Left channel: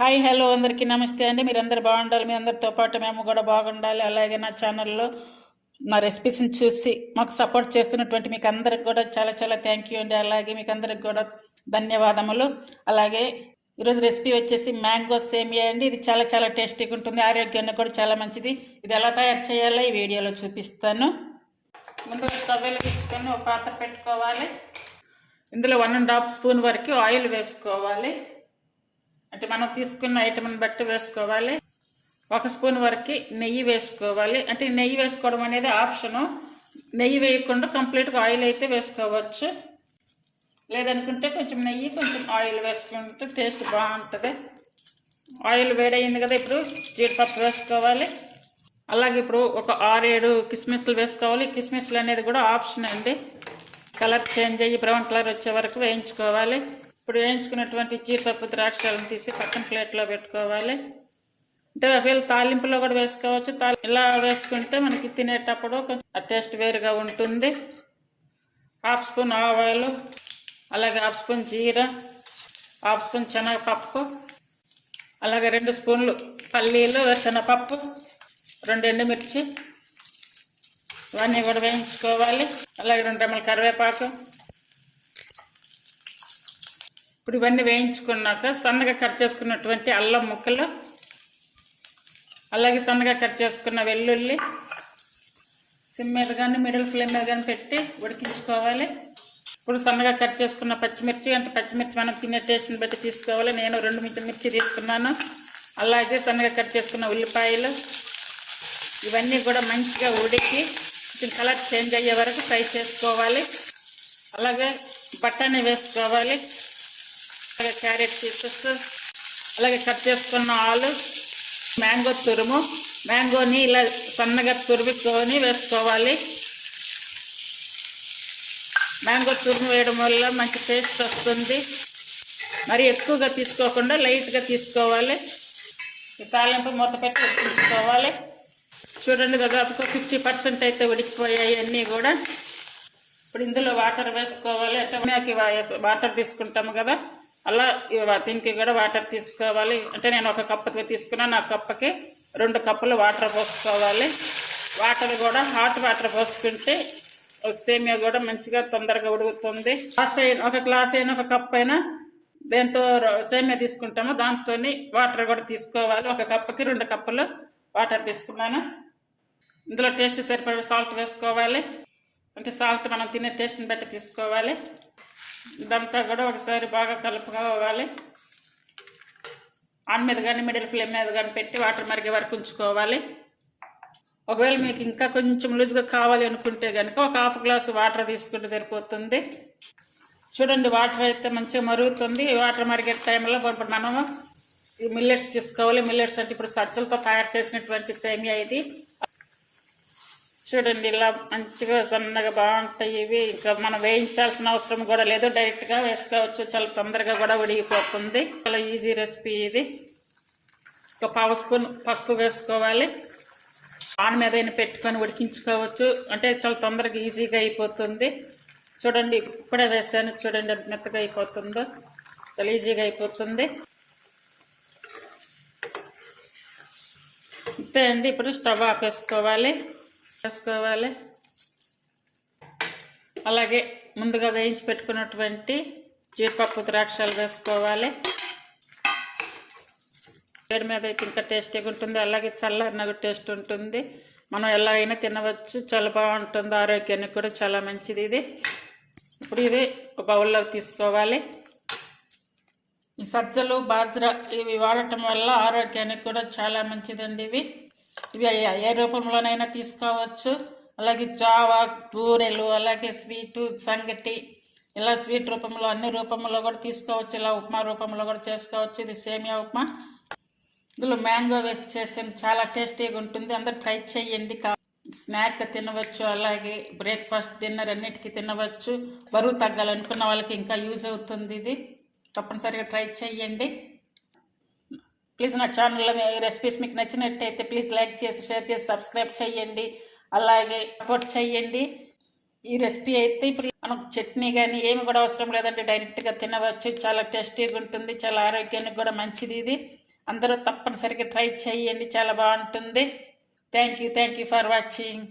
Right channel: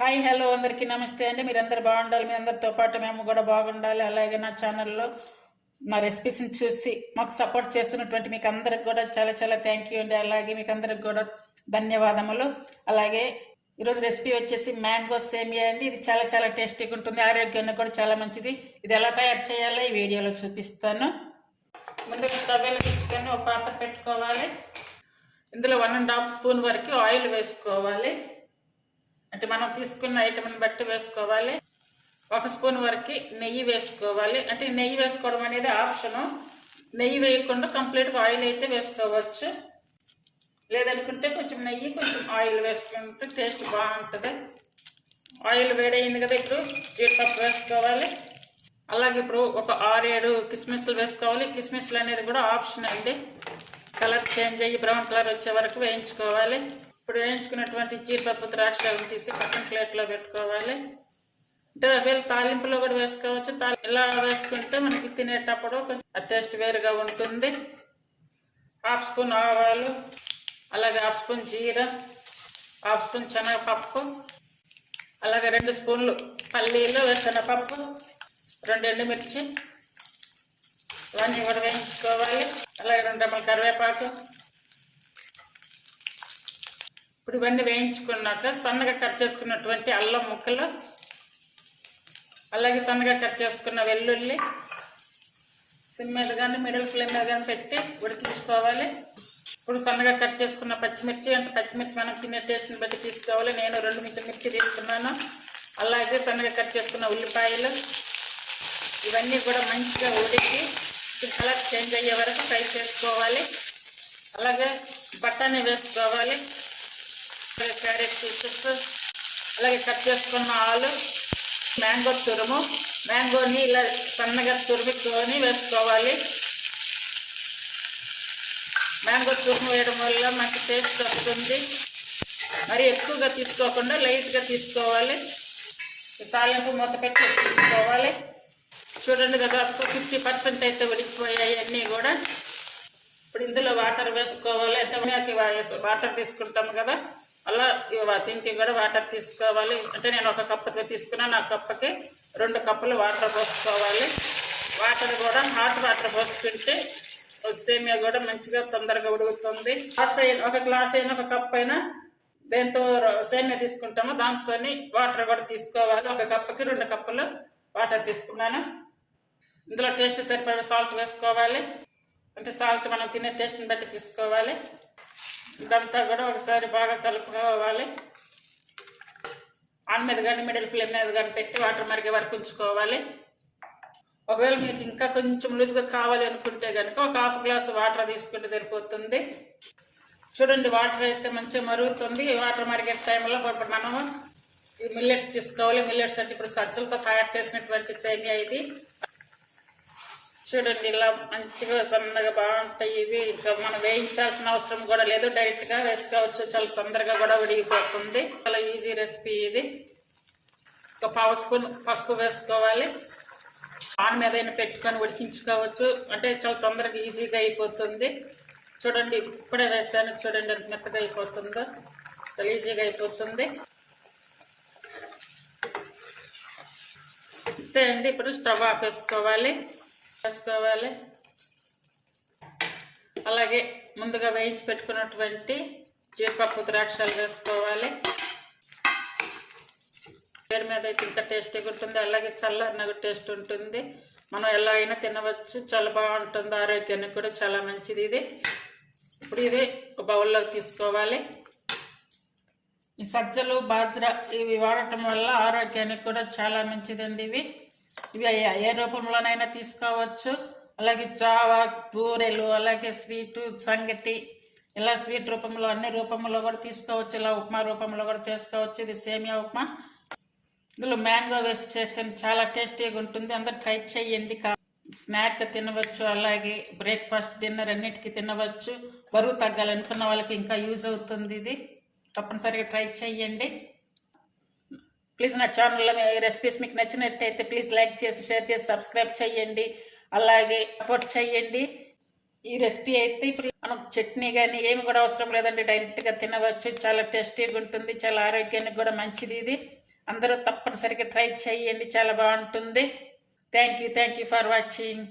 Hi hello అందరికీ నమస్తే అండి. మీరందరూ బాగుండాలి మీ అందరితో పాటు మేము కూడా బాగుండాలి. అలాగే నా ఛానల్లో నా రెసిపీస్ని చూసి మాకు సపోర్ట్ చేస్తున్నటువంటి మీకు అందరికి కూడా చాలా చాలా థ్యాంక్ యూ అండి. అలాగే మీకు అందరికి కూడా ధన్యవాదములు. అలాగే ఈరోజు రెసిపీ వచ్చేసి మ్యాంగో సేమియా అండి. ఇది చాలా చాలా టేస్టీగా ఉంటుంది. ఆరోగ్యానికి కూడా చాలా మంచిది. ఇది ఎలా తయారు చేయాలో ఈ వీడియోలో చూపిస్తాను. ముందుగా స్టవ్ వెలిగించుకొని ఒక పాత్ర పెట్టుకోవాలి. ఇందులో వన్ అండ్ హాఫ్ స్పూన్ వరకు ఆయిల్ వేసుకోవాలి. అంటే మనం తీసుకున్న ఐటమ్ని బట్టి వేసుకోవాలి. ఒక స్పూన్ వరకు నెయ్యి వేసుకోవాలి. అంటే నెయ్యి వేసుకోవడం అనేది ఆప్షను. నెయ్యి వేయకుండా కంప్లీట్గా ఆయిల్ అయితే వేసుకోవచ్చు. లేదనుకుంటే కొంచెం నెయ్యి కొంచెం ఆయిల్ వేసుకుంటే టేస్ట్ బాగుంటుంది. ఆయిల్ వేడయింది కదా ఇప్పుడు జీడిపప్పు వేసుకోవాలి. అలాగే ఇప్పుడు ఒక ఆరేడు కిస్మిస్లు వేసుకోవాలి. కిస్మిస్లు అనేది కూడా ఆప్షన్ అండి. కలర్ చేంజ్ అయ్యి బ్రౌన్ కలర్ వచ్చే వరకు వేయించుకోవాలి. ఇప్పుడు వేయించుకున్నటువంటి జీడిపప్పు ద్రాక్షలను తీసి పక్కన ప్లేట్లో పెట్టుకోవాలి. అంటే వీళ్ళు తాలింపులో కూడా వేసుకోవచ్చు. ఇలా వేసుకుంటే మనకి తినేటప్పుడు కొంచెం ఆ టేస్ట్ వేరుగా ఉంటుంది. హాఫ్ స్పూన్ ఆవాలు అలాగే హాఫ్ స్పూన్ జీరా హాఫ్ స్పూన్ శనగపప్పు అలాగే రెండు స్పూన్లు పల్లీలు శనగపప్పు రెండు ఎండుమిర్చి ఇవన్నీ కూడా వేయించుకోవాలి. అలాగే రెండు రెమ్మల కరివేపాకు ఇప్పుడు ఇవన్నీ వేయించుకున్నాక సన్నగా కట్ చేసుకున్నటువంటి అల్లం ముక్కలు అలాగే సన్నగా కట్ చేసుకున్న వెల్లుల్లి సిమ్ మీద కానీ మిడిల్ ఫ్లేమ్ మీద కానీ పెట్టి ఉడికించుకోవాలి. ఇప్పుడు సన్నగా కట్ చేసుకున్న పచ్చిమిర్చి అంటే పచ్చిమిర్చి మనం తినే టేస్ట్ని బట్టి తీసుకోవాలి. నేను రెండు మిర్చి మిర్చి తీసుకున్నాను. అలాగే సన్నగా కట్ చేసుకున్న ఉల్లిపాయలు ఇవన్నీ కూడా మంచిగా ఉడికి కొంచెం కలర్ చేంజ్ అయ్యే వరకు ఫ్రై చేసుకోవాలి. అలాగే బఠానీ వేసుకోవాలి. అలాగే క్యారెట్ పీసెస్. అలాగే కట్ చేసుకున్న ఆలు మ్యాంగో తురుము. మ్యాంగోని ఇలా సన్నగా తురుముకొని వేసుకోవాలి. మ్యాంగో తురుము వేయడం వల్ల మంచి టేస్ట్ వస్తుంది. మరి ఎక్కువగా తీసుకోకుండా లైట్గా తీసుకోవాలి. ఈ తాలింపు మూత పెట్టి తీసుకోవాలి. చూడండి దాదాపు ఫిఫ్టీ పర్సెంట్ అయితే ఉడికిపోయాయి అన్నీ కూడా. ఇప్పుడు ఇందులో వాటర్ వేసుకోవాలి. అయితే వాటర్ తీసుకుంటాము కదా. అలా దీనికి కూడా వాటర్ తీసుకోవాలి. అంటే నేను ఒక కప్పుకి తీసుకున్నాను ఆ కప్పకి రెండు కప్పులు వాటర్ పోసుకోవాలి. వాటర్ కూడా హాట్ వాటర్ పోసుకుంటే సేమియా కూడా మంచిగా తొందరగా ఉడుకుతుంది. గ్లాస్ అయిన ఒక గ్లాస్ అయినా ఒక కప్ అయినా దేంతో సేమియా తీసుకుంటామో దాంతో వాటర్ కూడా తీసుకోవాలి. ఒక కప్పుకి రెండు కప్పులు వాటర్ తీసుకున్నాను. ఇందులో టేస్ట్ సరిపడే సాల్ట్ వేసుకోవాలి. అంటే సాల్ట్ మనం తినే టేస్ట్ని బట్టి తీసుకోవాలి. ఇదంతా కూడా ఒకసారి బాగా కలుపుకోవాలి ఆన్ మీద కానీ మిడిల్ ఫ్లేమ్ మీద కానీ పెట్టి వాటర్ మరిగే వరకు ఉంచుకోవాలి. ఒకవేళ మీకు ఇంకా కొంచెం లూజ్గా కావాలి అనుకుంటే కనుక ఒక హాఫ్ గ్లాస్ వాటర్ తీసుకుంటే సరిపోతుంది. చూడండి వాటర్ అయితే మంచిగా మరుగుతుంది. వాటర్ మరిగే టైంలో ఇప్పుడు మనము ఈ మిల్లెట్స్ తీసుకోవాలి. మిల్లెట్స్ అంటే ఇప్పుడు సజ్జలతో తయారు చేసినటువంటి సేమియా ఇది. చూడండి ఇలా మంచిగా సన్నగా బాగుంటాయి. ఇవి ఇంకా మనం వేయించాల్సిన అవసరం కూడా లేదు. డైరెక్ట్గా వేసుకోవచ్చు. చాలా తొందరగా కూడా ఉడిగిపోతుంది చాలా ఈజీ రెసిపీ ఇది. ఒక పావు స్పూన్ పసుపు వేసుకోవాలి. ఆన్ మీద పెట్టుకొని ఉడికించుకోవచ్చు. అంటే చాలా తొందరగా ఈజీగా అయిపోతుంది. చూడండి ఇప్పుడే వేసాను. చూడండి మెత్తగా అయిపోతుందో. చాలా ఈజీగా అయిపోతుంది. అంతే అండి. ఇప్పుడు స్టవ్ ఆఫ్ వేసుకోవాలి. అలాగే ముందుగా వేయించి పెట్టుకున్నటువంటి జీడిపప్పు ద్రాక్షలు వేసుకోవాలి. వేడి మీద అయితే ఇంకా టేస్టీగా ఉంటుంది అలాగే చల్లారిన టేస్ట్ ఉంటుంది. మనం ఎలా అయినా తినవచ్చు. చాలా బాగుంటుంది. ఆరోగ్యానికి కూడా చాలా మంచిది ఇది. ఇప్పుడు ఇది ఒక బౌల్లోకి తీసుకోవాలి. ఈ సజ్జలు బాజ్రా ఇవి వాడటం వల్ల ఆరోగ్యానికి కూడా చాలా మంచిదండి ఇవి. ఇవి ఏ రూపంలోనైనా తీసుకోవచ్చు. అలాగే చావా బూరెలు అలాగే స్వీటు సంగటి ఇలా స్వీట్ రూపంలో అన్ని రూపంలో కూడా తీసుకోవచ్చు. ఇలా ఉప్మా రూపంలో కూడా చేసుకోవచ్చు. ఇది సేమియా ఉప్మా. ఇందులో మ్యాంగో వేస్ట్ చేసాను. చాలా టేస్టీగా ఉంటుంది. అందరు ట్రై చేయండి స్నాక్ తినవచ్చు. అలాగే బ్రేక్ఫాస్ట్ డిన్నర్ అన్నిటికీ తినవచ్చు. బరువు తగ్గాలనుకున్న వాళ్ళకి ఇంకా యూజ్ అవుతుంది ఇది. తప్పనిసరిగా ట్రై చేయండి ప్లీజ్ నా ఛానల్లో రెసిపీస్ మీకు నచ్చినట్టయితే ప్లీజ్ లైక్ చేసి షేర్ చేసి సబ్స్క్రైబ్ చేయండి. అలాగే సపోర్ట్ చేయండి. ఈ రెసిపీ అయితే ఇప్పుడు మనకు చట్నీ కానీ ఏమి కూడా అవసరం లేదండి. డైరెక్ట్గా తినవచ్చు. చాలా టేస్టీగా ఉంటుంది. చాలా ఆరోగ్యానికి కూడా మంచిది ఇది. అందరూ తప్పనిసరిగా ట్రై చేయండి. చాలా బాగుంటుంది. Thank you thank you for watching